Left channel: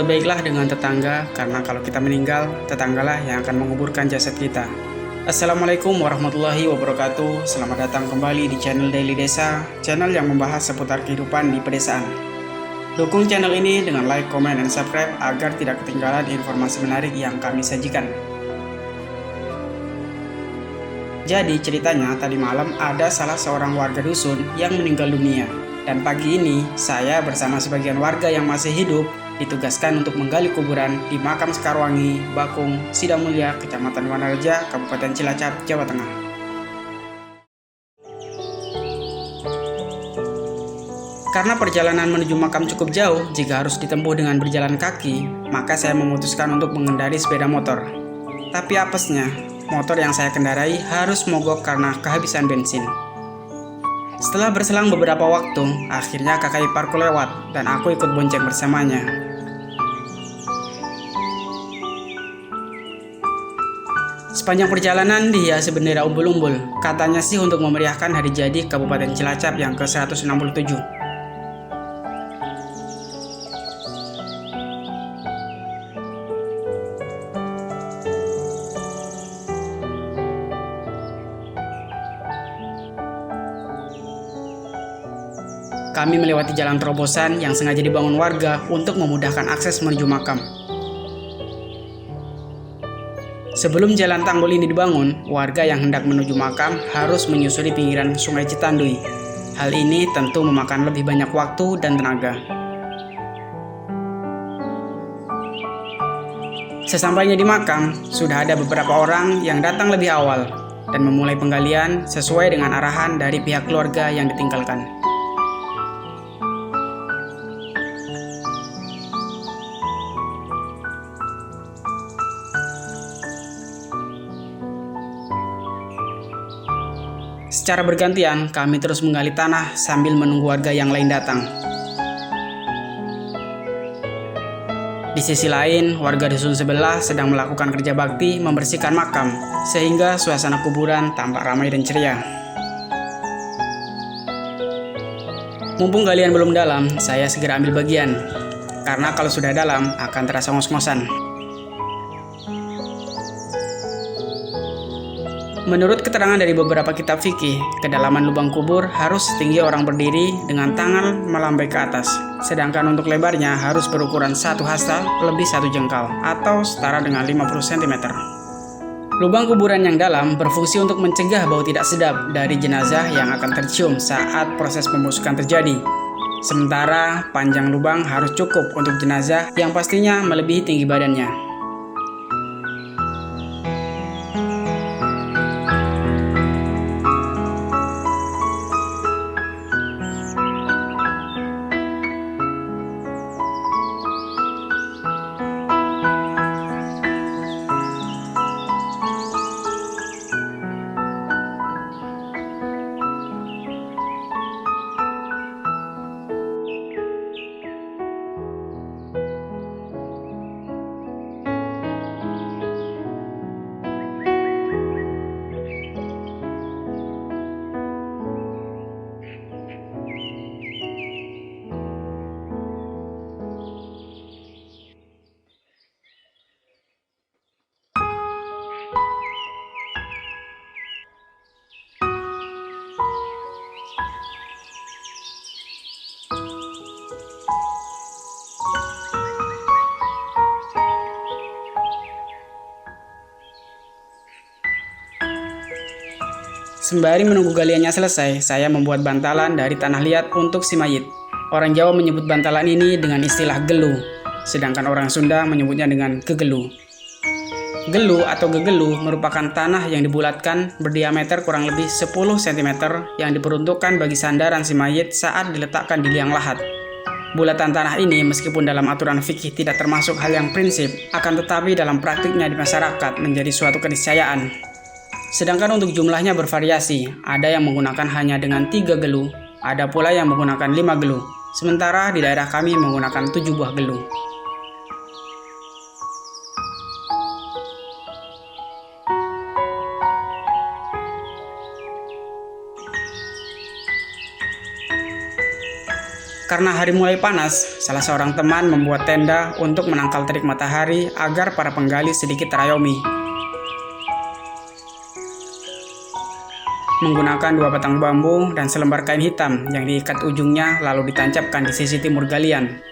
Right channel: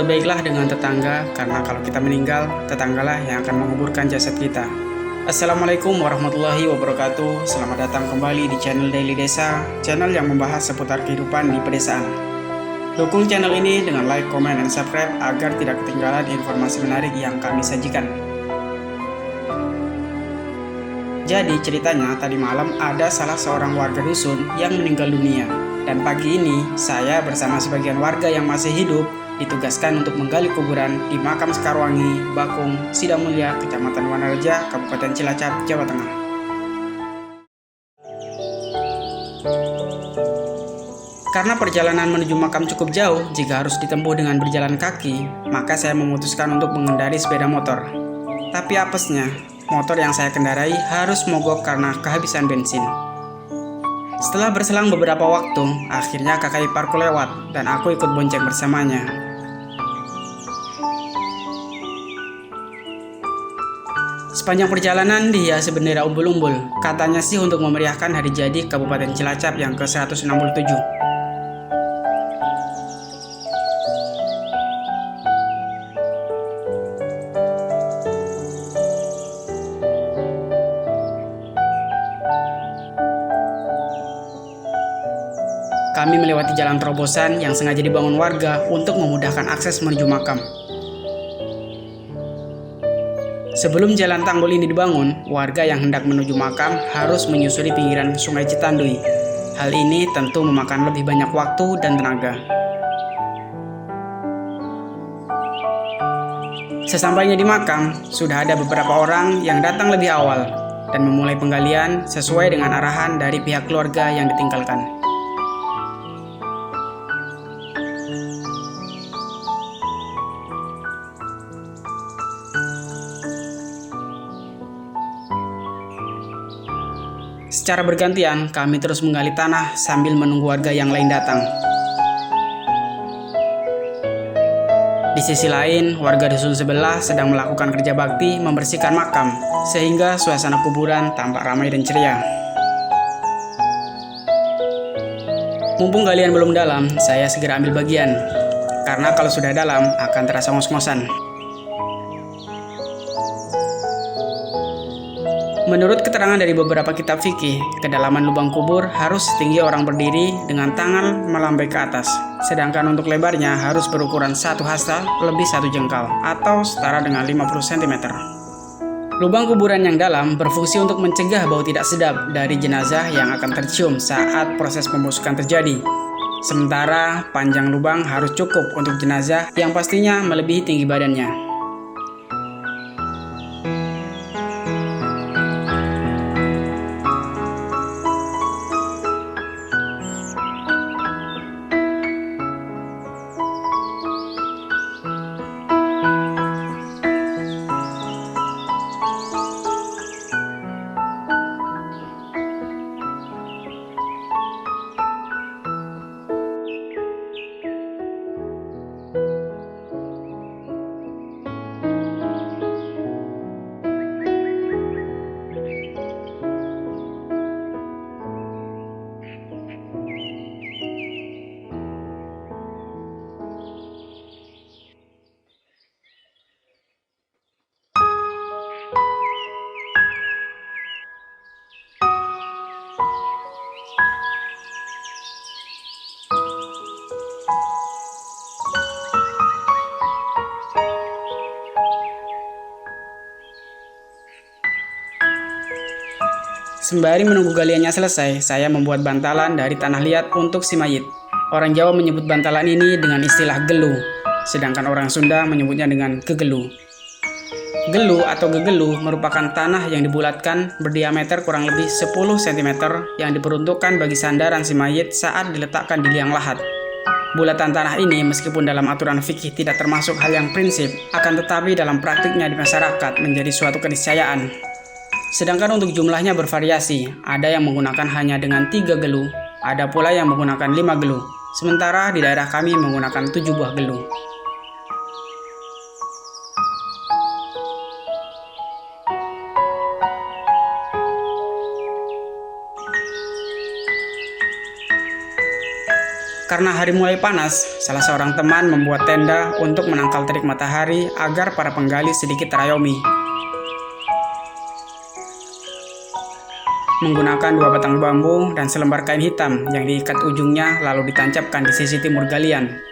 Berbuat baiklah dengan tetangga, karena kalau kita meninggal, tetanggalah yang akan menguburkan jasad kita. Assalamualaikum warahmatullahi wabarakatuh. Selamat datang kembali di channel Daily Desa, channel yang membahas seputar kehidupan di pedesaan. Dukung channel ini dengan like, comment, dan subscribe agar tidak ketinggalan informasi menarik yang kami sajikan. Jadi ceritanya tadi malam ada salah seorang warga dusun yang meninggal dunia. Dan pagi ini saya bersama sebagian warga yang masih hidup ditugaskan untuk menggali kuburan di makam Sekarwangi, Bakung, Sidamulya, Kecamatan Wanareja, Kabupaten Cilacap, Jawa Tengah. Karena perjalanan menuju makam cukup jauh jika harus ditempuh dengan berjalan kaki, maka saya memutuskan untuk mengendarai sepeda motor. Tapi apesnya, motor yang saya kendarai harus mogok karena kehabisan bensin. Setelah berselang beberapa waktu, akhirnya kakak iparku lewat dan aku ikut bonceng bersamanya. Sepanjang perjalanan dihiasi bendera umbul-umbul, katanya sih untuk memeriahkan hari jadi Kabupaten Cilacap yang ke-167. Kami melewati jalan terobosan yang sengaja dibangun warga untuk memudahkan akses menuju makam. Sebelum jalan tanggul ini dibangun, warga yang hendak menuju makam harus menyusuri pinggiran Sungai Citandui. Hal ini tentu memakan lebih banyak waktu dan tenaga. Sesampainya di makam, sudah ada beberapa orang yang datang lebih awal dan memulai penggalian sesuai dengan arahan dari pihak keluarga yang ditinggalkan. Secara bergantian, kami terus menggali tanah sambil menunggu warga yang lain datang. Di sisi lain, warga dusun sebelah sedang melakukan kerja bakti membersihkan makam, sehingga suasana kuburan tampak ramai dan ceria. Mumpung galian belum dalam, saya segera ambil bagian, karena kalau sudah dalam akan terasa ngos-ngosan. Menurut keterangan dari beberapa kitab fikih, kedalaman lubang kubur harus setinggi orang berdiri dengan tangan melambai ke atas. Sedangkan untuk lebarnya harus berukuran 1 hasta lebih 1 jengkal atau setara dengan 50 cm. Lubang kuburan yang dalam berfungsi untuk mencegah bau tidak sedap dari jenazah yang akan tercium saat proses pembusukan terjadi. Sementara panjang lubang harus cukup untuk jenazah yang pastinya melebihi tinggi badannya. Sembari menunggu galiannya selesai, saya membuat bantalan dari tanah liat untuk si mayit. Orang Jawa menyebut bantalan ini dengan istilah gelu, sedangkan orang Sunda menyebutnya dengan gegelu. Gelu atau gegelu merupakan tanah yang dibulatkan berdiameter kurang lebih 10 cm yang diperuntukkan bagi sandaran si mayit saat diletakkan di liang lahat. Bulatan tanah ini meskipun dalam aturan fikih tidak termasuk hal yang prinsip, akan tetapi dalam praktiknya di masyarakat menjadi suatu keniscayaan. Sedangkan untuk jumlahnya bervariasi, ada yang menggunakan hanya dengan 3 gelu, ada pula yang menggunakan 5 gelu, sementara di daerah kami menggunakan 7 buah gelu. Karena hari mulai panas, salah seorang teman membuat tenda untuk menangkal terik matahari agar para penggali sedikit terayomi. Menggunakan 2 batang bambu dan selembar kain hitam yang diikat ujungnya lalu ditancapkan di sisi timur galian.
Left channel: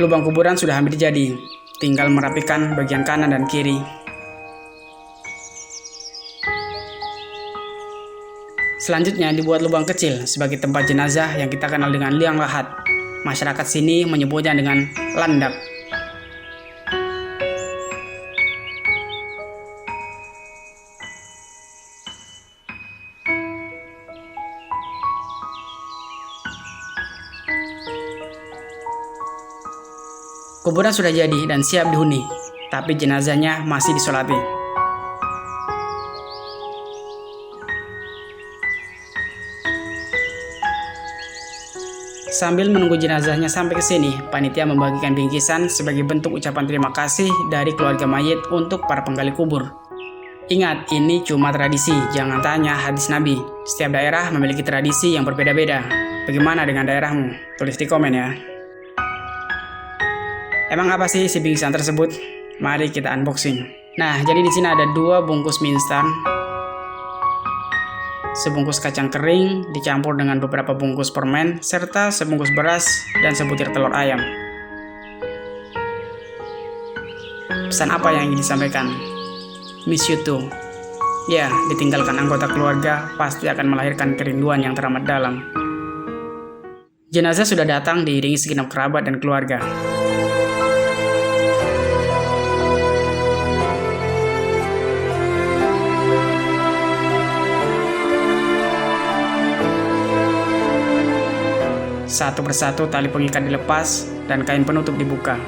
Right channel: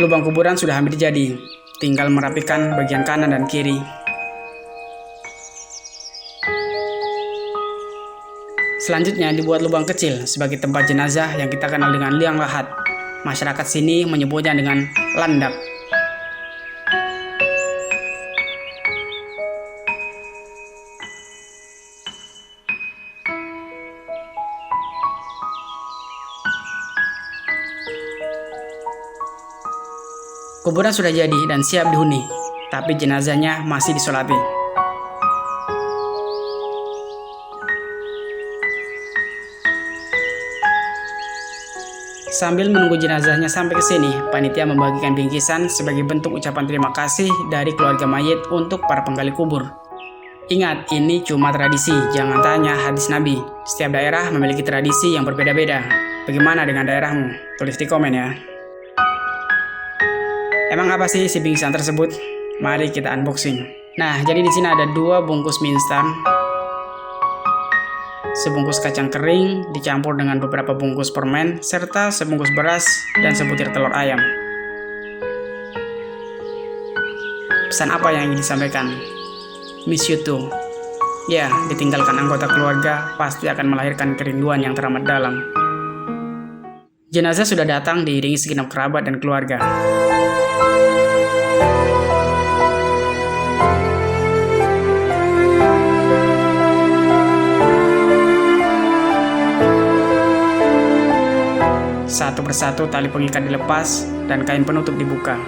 Lubang kuburan sudah hampir jadi, tinggal merapikan bagian kanan dan kiri. Selanjutnya dibuat lubang kecil sebagai tempat jenazah yang kita kenal dengan liang lahat. Masyarakat sini menyebutnya dengan landak. Kuburan sudah jadi dan siap dihuni, tapi jenazahnya masih disolati. Sambil menunggu jenazahnya sampai ke sini, panitia membagikan bingkisan sebagai bentuk ucapan terima kasih dari keluarga mayit untuk para penggali kubur. Ingat, ini cuma tradisi, jangan tanya hadis Nabi. Setiap daerah memiliki tradisi yang berbeda-beda. Bagaimana dengan daerahmu? Tulis di komen ya. Emang apa sih si bingkisan tersebut? Mari kita unboxing. Nah, jadi di sini ada 2 bungkus mie instan, sebungkus kacang kering dicampur dengan beberapa bungkus permen, serta sebungkus beras dan sebutir telur ayam. Pesan apa yang ingin disampaikan? Miss you too. Ya, ditinggalkan anggota keluarga pasti akan melahirkan kerinduan yang teramat dalam. Jenazah sudah datang diiringi segenap kerabat dan keluarga. Satu persatu tali pengikat dilepas dan kain penutup dibuka.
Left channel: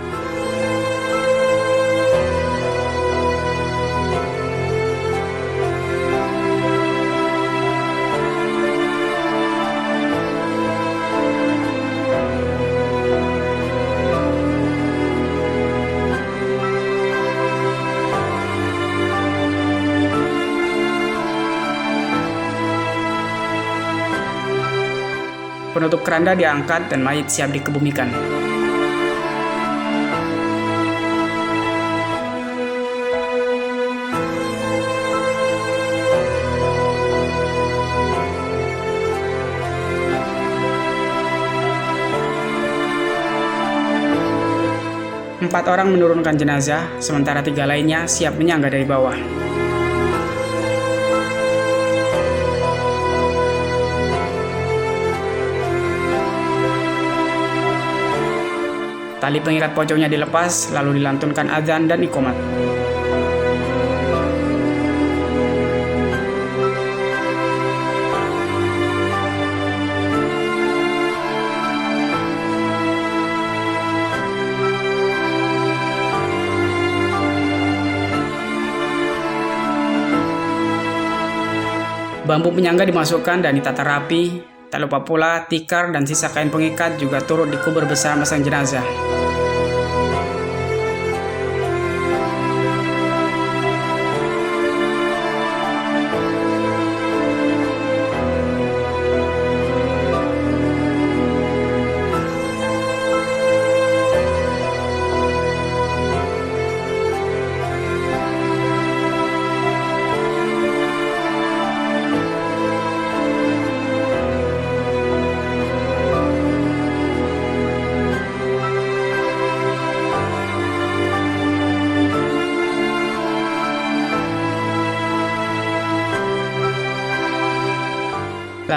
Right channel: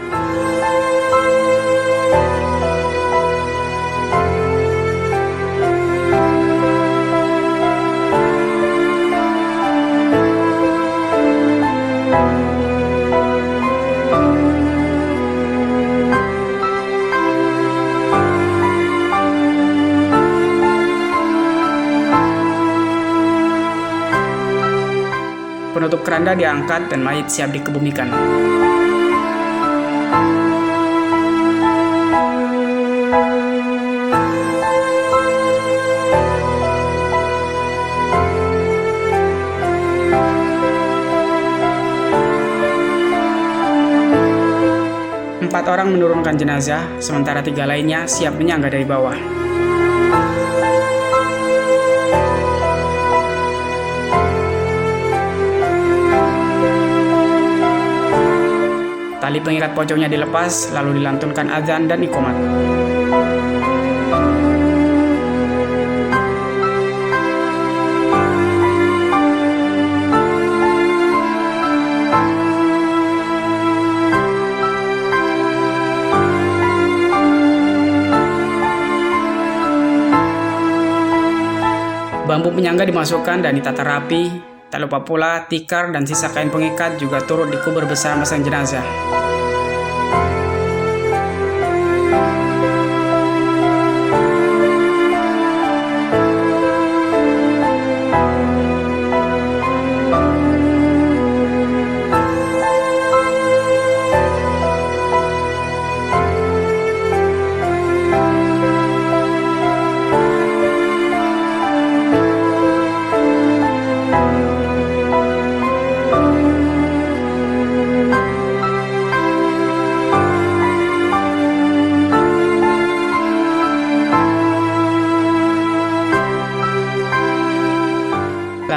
Penutup keranda diangkat dan mayit siap dikebumikan. Empat orang menurunkan jenazah, sementara 3 lainnya siap menyangga dari bawah. Tali pengikat pocongnya dilepas, lalu dilantunkan azan dan iqomat. Bambu penyangga dimasukkan dan ditata rapi. Tak lupa pula tikar dan sisa kain pengikat juga turut dikubur bersama sang jenazah.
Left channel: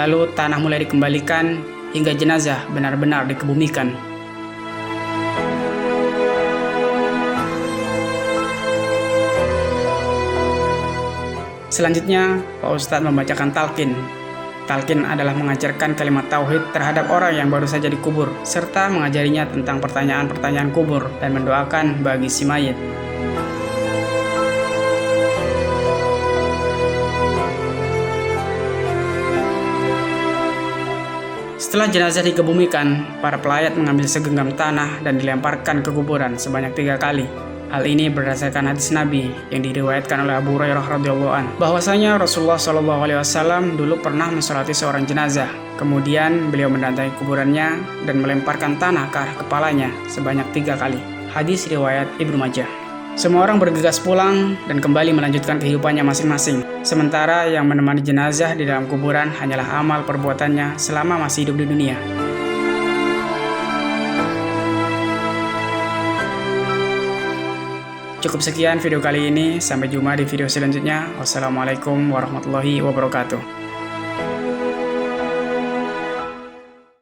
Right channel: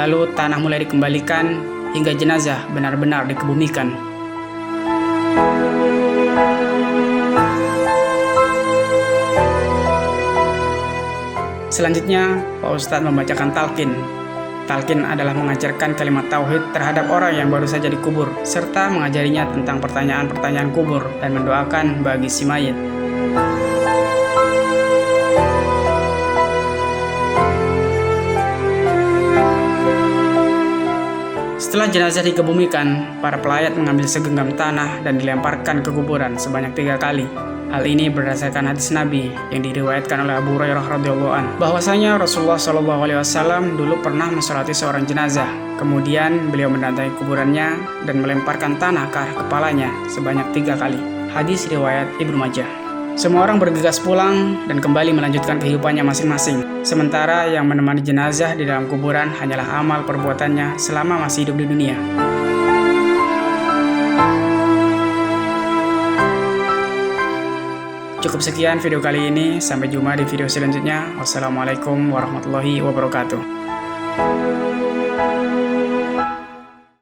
Lalu tanah mulai dikembalikan hingga jenazah benar-benar dikebumikan. Selanjutnya, Pak Ustadz membacakan talqin. Talqin adalah mengajarkan kalimat tauhid terhadap orang yang baru saja dikubur, serta mengajarinya tentang pertanyaan-pertanyaan kubur dan mendoakan bagi si mayit. Setelah jenazah dikebumikan, para pelayat mengambil segenggam tanah dan dilemparkan ke kuburan sebanyak 3 kali. Hal ini berdasarkan hadis Nabi yang diriwayatkan oleh Abu Hurairah radhiyallahu anhu, bahwasanya Rasulullah SAW dulu pernah mensolati seorang jenazah. Kemudian beliau mendatangi kuburannya dan melemparkan tanah ke arah kepalanya sebanyak 3 kali. Hadis riwayat Ibnu Majah. Semua orang bergegas pulang dan kembali melanjutkan kehidupannya masing-masing. Sementara yang menemani jenazah di dalam kuburan hanyalah amal perbuatannya selama masih hidup di dunia. Cukup sekian video kali ini, sampai jumpa di video selanjutnya. Wassalamualaikum warahmatullahi wabarakatuh.